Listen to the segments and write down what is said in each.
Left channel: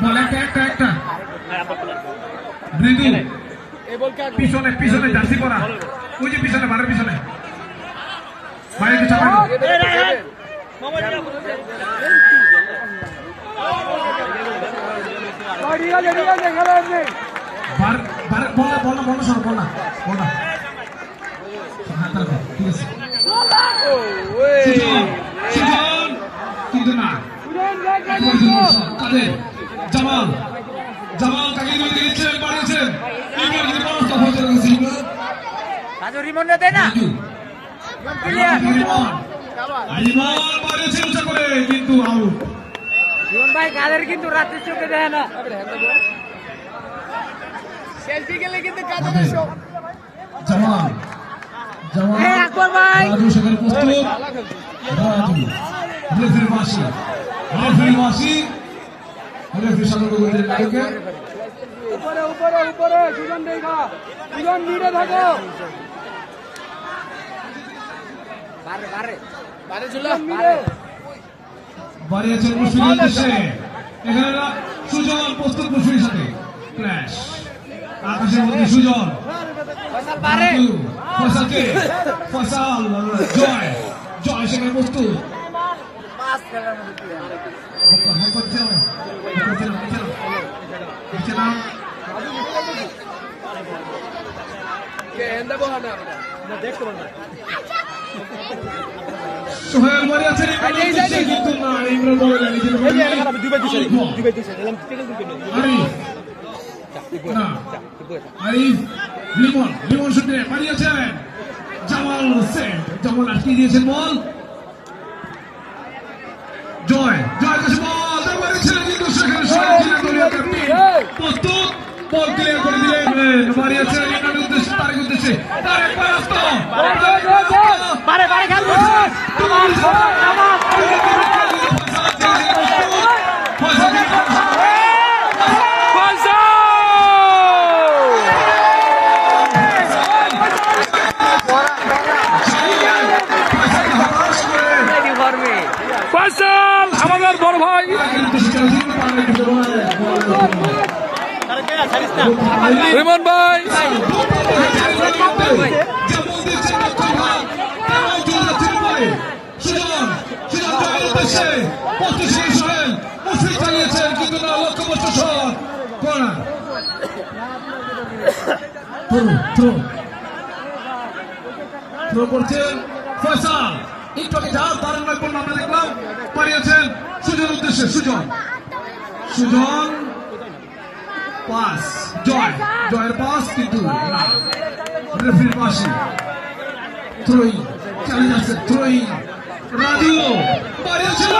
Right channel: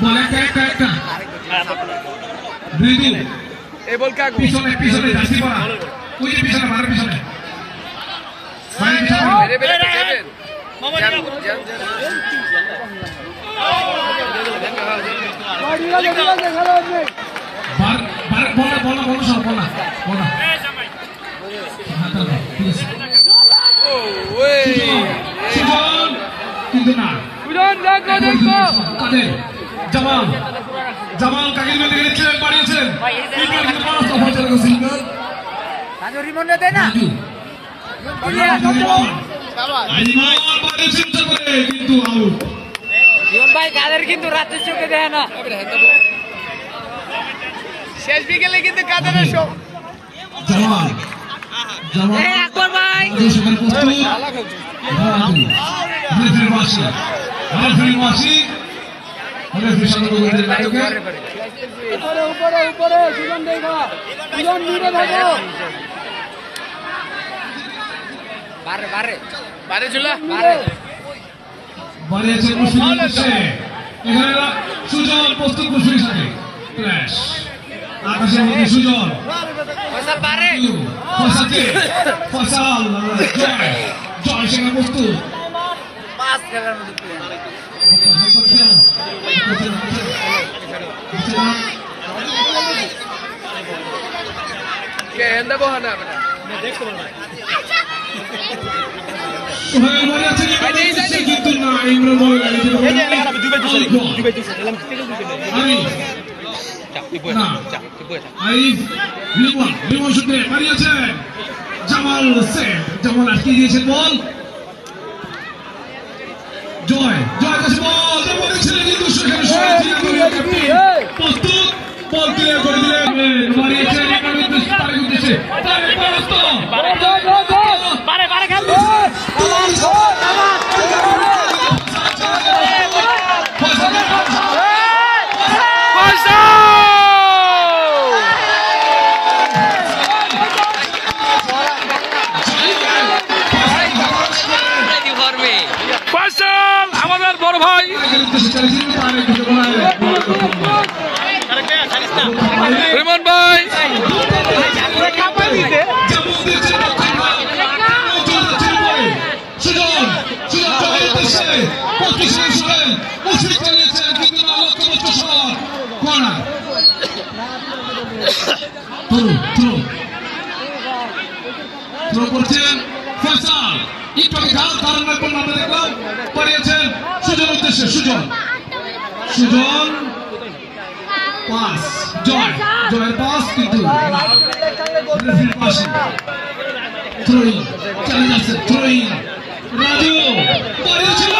বল একটা দুই দিন এই বল কাকু পিছনে জার্সি পরা ওই যে পিছনে বারের পিছনে বাইরে পিছনে বেরে যাবেন বল সব বল না হাত ঠিক আছে ও ওই কিন্তু না সুজন দেখো জামাল কাকে দিয়েছে বাড়িয়েছে রিমন দেয় না রিমন বাড়িয়েছে উঁচা করে কিন্তু আউট রিমন ভাই কাদের কিন্তু রাতের চোখে দেয় না শেষ বিকেলে কিন্তু কাদের শো জামাল আকবর ভাই উপরে সুজন দেখা সুজন নিরে থাকো বারে ঝুলা বাড়িয়েছে মুশফিকুল উদ্দেশ্যে এখানে সুজন প্রস্তুত মুশফিকের সাথে ক্র্যাশ আকাশের মধ্যে সুজন ফয়সাল জয় সেখানে প্রস্তুত সোহেল বাড়িয়েছে কিন্তু না ইমরান বলে লিমন সূত্রে বাড়িয়েছেন জামাল আটকে দিয়েছেন বল জয় কাছে বল বাড়িয়েছিল কিন্তু সেখানে প্রস্তুত বল ক্লিয়ার করে দিলেন বাড়িয়েছেন ইমরানের উদ্দেশ্যে তারেক উদ্দেশ্যে তারেক পরাস্ত ফয়সাল আমাদের বড় ভাই রিমন ভাই ফয়সাল একটু খেয়াল কারণ আমরা দেখলাম পাঠিয়েছেন সুজন উদ্দেশ্যে সুজন পাস জয়ের পাস কিন্তু রেফারির পাশে থ্রোইং চালিয়ে যাচ্ছে থ্রোইং রাজু পাঠিয়েছিল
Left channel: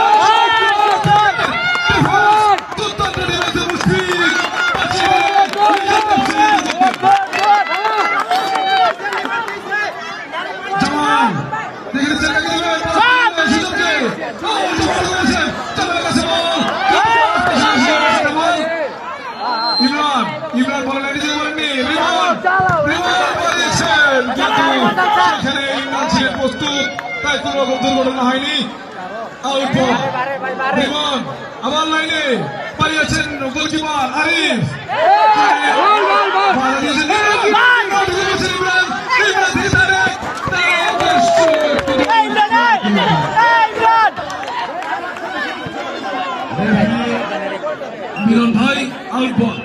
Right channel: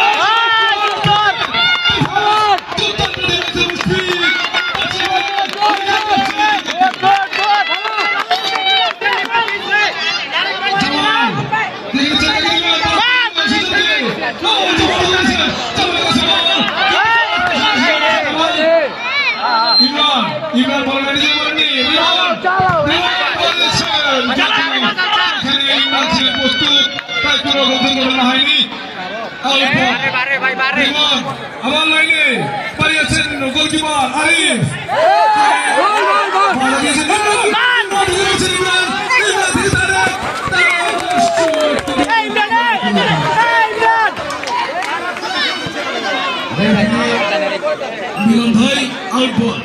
ইমরান বলেন প্রস্তুত তাই কোনো দুর্ঘটনা হয়নি আবার লাইনে পারিয়েছেন গোলকিপার আরিফ মিলন ভাই আউট বল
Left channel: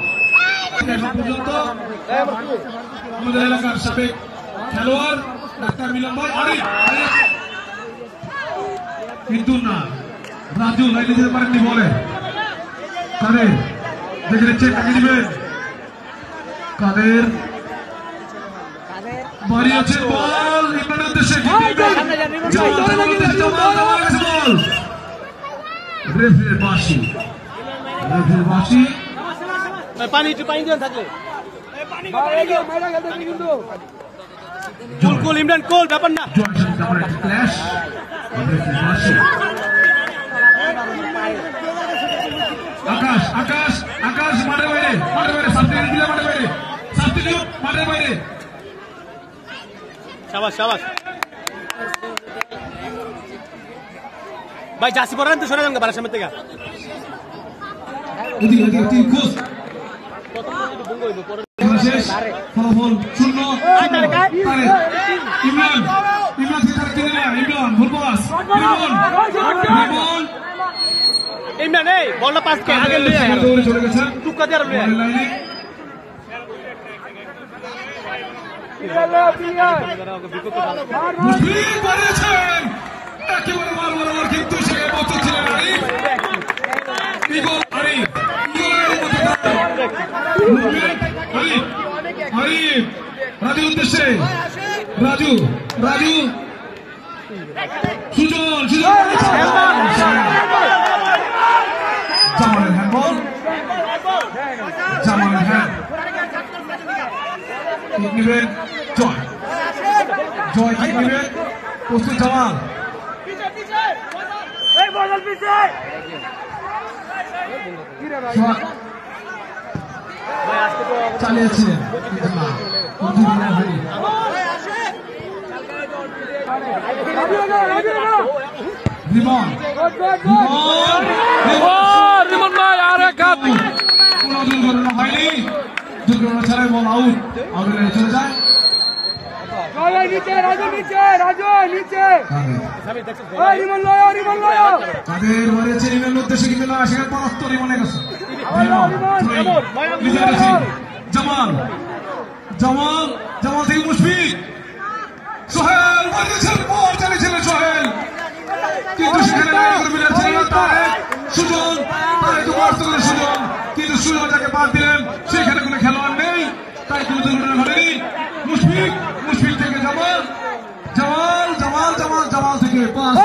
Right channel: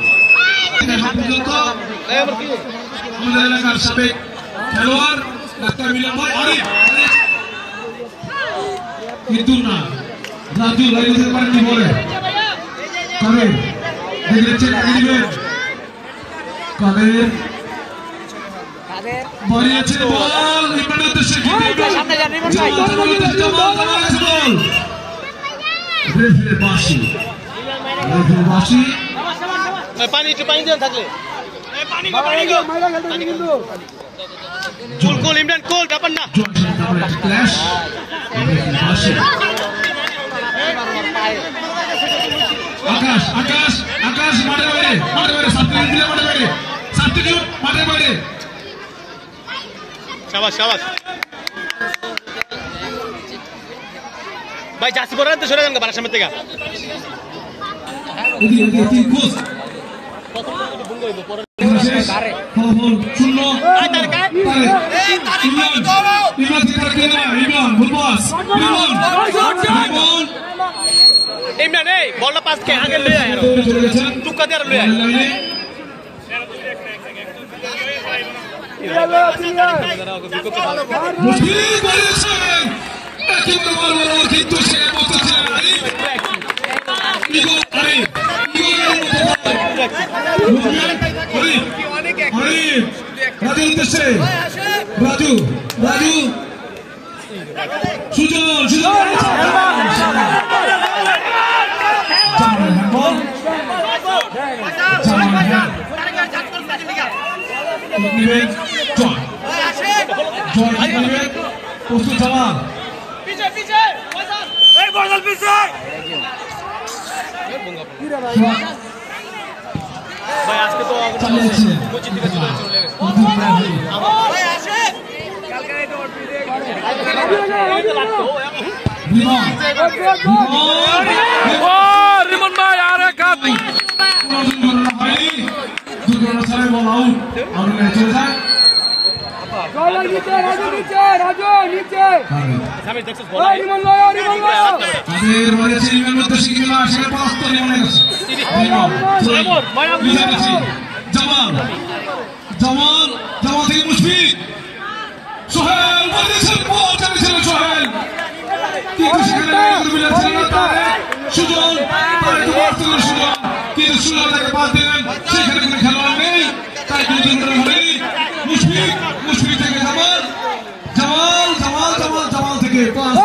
আমাদের এলাকার সাবেক খেলোয়াড় ডাক্তার মিলন ভাই আরিফ কিন্তু না রাজু লাইনে যেতে পারেননি বলে কাদের দেখে কাকে দিবেন কাদের বাড়িয়েছেন বল ইমরানের উদ্দেশ্যে বল রেফারির বাঁশি পানি দেন থাকলে কোল ইমরান কোল ব্যাপার না ক্ল্যাশ আকাশ মাঠের বাইরে সাবস্টিটিউট মাঠের বাইরে শাবাশ ভাই জাসি পড়েন তো সরে যান বাড়ার সামনে থেকে এদিকে এদিকে তিন খোঁজ শেষ ফলাফল শূন্য তারেক ইমরান ইমরান থেকে তারেক ইমরান ভুলবাস ইমরান এই বলটা পাস কে আগে লয়ে আয় দৌড়ে চলে গেছেন টুকা দিয়ে লয়ে আয় লাইনে মুশফিক বাড়িয়েছেন একেবারে বড় বড় কিন্তু সেখানে পৌঁছেছিলেন আরিফ রাজু উদ্দেশ্যে রাজু রাজু সুজন সুজন জামানের হ্যান্ডবল জামানের হ্যান্ড নেবেন জয় জয় কিক নেবেন প্রস্তুত জামাল চালিয়েছিলেন রিমন ভাই আর এক হাত কোনো দুর্ঘটনা হয়নি দুর্ঘটনা ছাড়াই বল আউট আউটের চলে যায় তাদের বলেছে রিমের উদ্দেশ্যে কিছু না আসে পরাস্ত রিমনের কাছে জামাল জামাল জামাল থেকে মুশফিক সোহেল বলেছেন বল চালিয়েছিলেন সোহেল কিন্তু সেখানে ছিলেন না তারেক সুজন তারেক পরাস্ত করে সুজন কিন্তু সুজন তাকে পাস দিলেন সেখানে কোনো খেলোয়াড় নেই তাই কোনো দুর্ঘটনা ঘটেনি মুশফিক মুশফিক থেকে জামাল জামাল জামাল জামাল জামাল থেকে পাস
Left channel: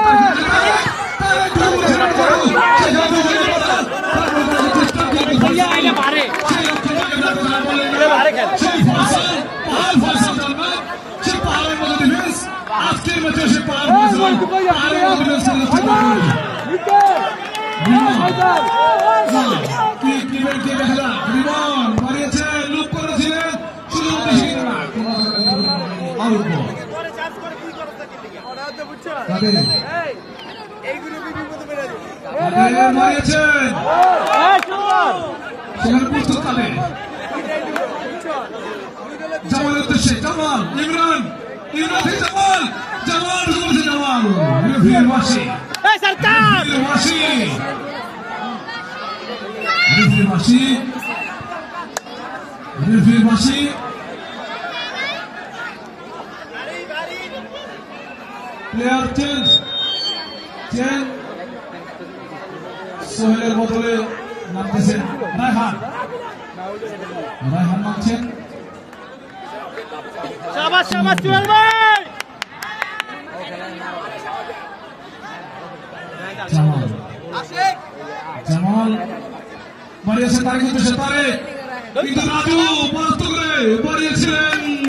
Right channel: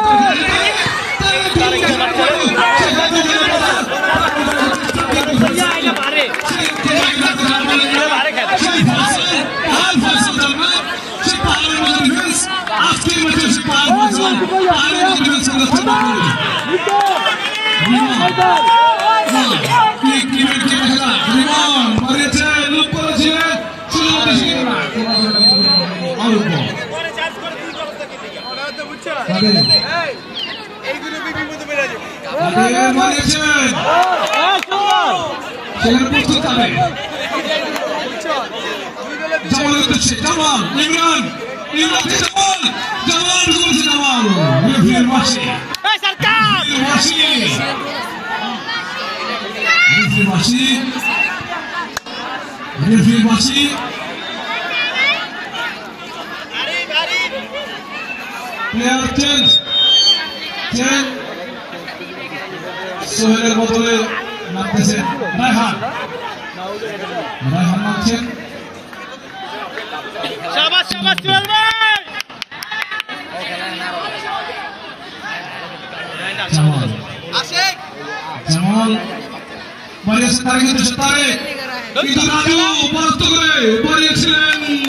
আজকের মধ্যে সে বাড়িয়েছে লুপ করেছিলেন সেখানে প্রস্তুত কাটে জামালের উদ্দেশ্যে জামাল ইমরান ইমরান জামাল জামাল ঢুকেছে জামাল রেফারির মাসি রেফারির মাসি প্লেয়ার চেঞ্জ সোহেলের বদলে নামতেছেন রায়হান রায়হান নামছেন শাবাশ শাবাশ সোহেল ভাই জামাল বাড়িয়েছেন তারেক উদ্দেশ্যে তারেক কিন্তু রাজু পরাস্ত করে বাড়িয়েছিলেন